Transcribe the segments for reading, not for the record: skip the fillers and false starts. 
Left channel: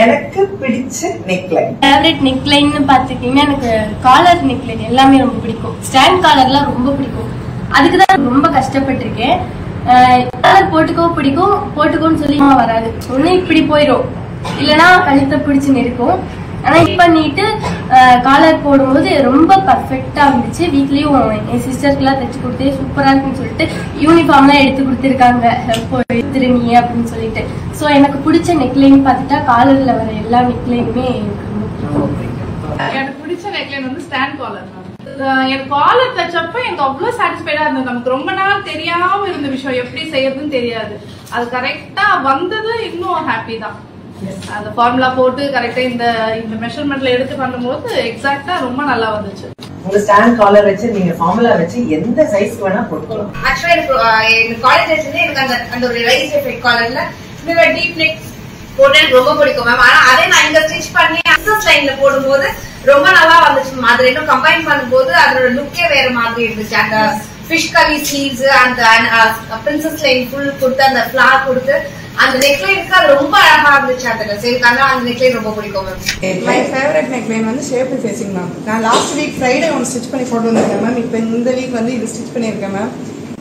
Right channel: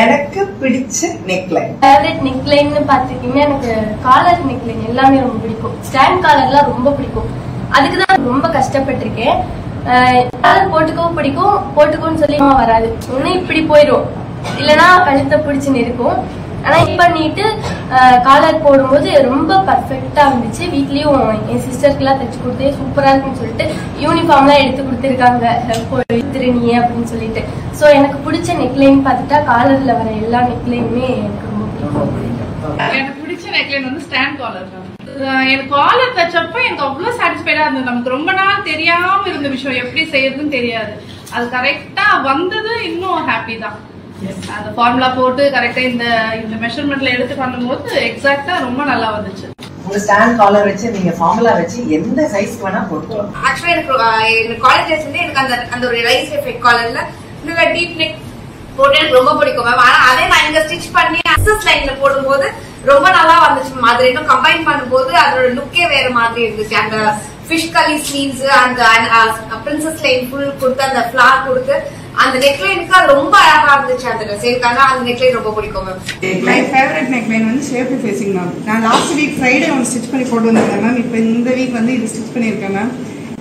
எனக்கு பிடிச்ச neckline favourite neckline பாத்துக்கிட்டீங்கன்னா எனக்கு காலர் நெக்லைன் எல்லாமே ரொம்ப பிடிக்கும். ஸ்டாண்ட் காலர்லாம் ரொம்ப பிடிக்கும். அதுக்குதான் ரொம்ப கஷ்டப்பட்டிருக்கேன். காலர் போட்டுக்கோ பிடிக்கும், போட்டுக்கோன்னு சொல்லி வராது. ஒண்ணு இப்படி போயிடும், இல்லனா கழுத்தை பிடிச்சுன்னு இருக்கும். ஆனா இப்ப பண்ணிட்டு காலர் போடும்போது ரொம்ப பர்ஃபெக்டா இருந்துச்சு. வீட்லயும் என் சிஸ்டருக்கு எல்லாம் தைச்சு கொடுத்து சூப்பரா இருக்குன்னு சொல்லிட்டு யூனிஃபார்ம் எல்லாம் எடுத்து கொடுத்துருக்காங்க, திருநீ அப்படின்னு சொல்லிட்டு. சோ எனக்கு பிடிச்ச நெக்லைன் பாத்துட்டா காலர்ல வர எல்லா நெக்லைனுமே எனக்கு ரொம்ப பிடிக்கும். எனக்கு பிடிச்ச நெக்லைன் வந்து ஸ்டாண்ட் காலர். எனக்கு காலர் தச்சப்ப எனக்கு அவ்வளவு சாட்டிஸ்ஃபைடா இருந்தது. நமக்கு ரொம்ப நாள் தெரியாம இருந்த விஷயம் எப்படி செய்யறதுன்னு தெரியாது. அது கரெக்டா வந்தது, இன்னும் ஹாப்பி தான். அந்த ஃபார்முலா போட்டு கரெக்டா இந்த மெஷர்மெண்ட்ல எடுத்து பண்ணும்போது எக்ஸாக்டா ரொம்ப நல்லா வந்துச்சு. உங்க ஸ்டாண்ட் காலர் வச்சு நீங்க ஃபார்முலா வச்சு எந்த சைஸ்க்கு வேணா போட்டுக்கலாம். ஆக்சுவலா எனக்கு காலேஜ் வச்சிருந்து எனக்கு அந்த ஒரு ரைஸ் எஃபெக்ட் காலர்ல இந்த டீப் நெக் போட்டு எனக்கு ரொம்ப பிடிக்கும் மேம். ஆனா அதே நான் இங்க ஸ்டிச் பண்ணி அக்சஸ் லைன்ல போடும்போது ரொம்ப நல்லா வந்துச்சு மேம். அது ரெண்டும் கம்பைன் பண்ணும்போது அதோட லுக்கே வேற மாதிரி இருந்துச்சு. அந்த ஃபிஷ் கலி ஸ்லீவ்ஸ், அந்த பிரின்சஸ் லைன் ஃபுல் கொடுத்து, அந்த ஃபிளார் கொடுத்து, அந்த நெக்லைனுக்கு அது ரொம்ப அழகா இருந்துச்சு. அந்த ட்ரெஸ்ஸுக்கான அந்த நெக்லைன் ரொம்ப பிடிக்கும் மேம். மை ஃபேவரட் நெக்லைன் வந்து ஷேப்டு ஃபேசிங் மேம். நான் லாஸ்ட் வீக் ஃப்ரைடே ஒன்று ஸ்டிச் பண்ணி போட்டு வந்திருக்கேன் மேம். இப்போ இந்த வீக் வந்து இது ஸ்டிச் பண்ணியிருக்கேன் மேம்.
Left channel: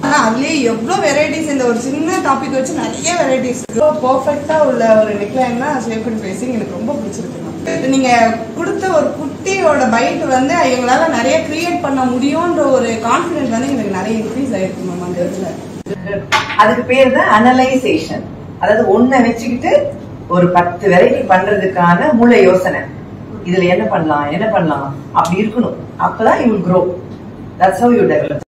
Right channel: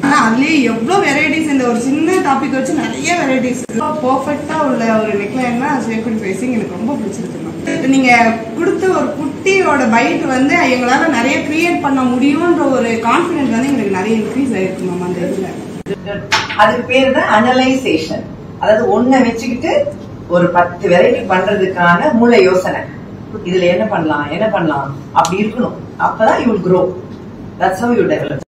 ஆனா அதுலயே எவ்வளவு வெரைட்டிஸ், இந்த ஒரு சின்ன டாபிக் வச்சு நிறைய வெரைட்டிஸ் பெர்ஃபெக்டா உள்ள ஒரு நெக்லைன் தான் ஷேப்டு ஃபேசிங். எனக்கு ரொம்ப பிடிச்சிருக்கு மேம். நீங்க கொடுத்த ஒரு குட்டியோட பைட் வந்து எங்களால நிறைய கிரியேட் பண்ண முடியும்ன்ற ஒரு கான்பிடன்ஸ் வந்து எங்களுக்கு நிறைய இன்க்ரீஸ் ஆயிருக்கு மேம் அந்த இதுல. அதுக்கு பேரு தான் அனலைசேஷன். அதாவது ஒன்ன வச்சுக்கிட்டு ஒரு 10 வெரைட்டி பண்றதுக்கான மூளை யோசனை. இதுல என்ன பண்ணலாம் அப்படி இருக்கணும். அப்பதான் you will grow. That's how you develop.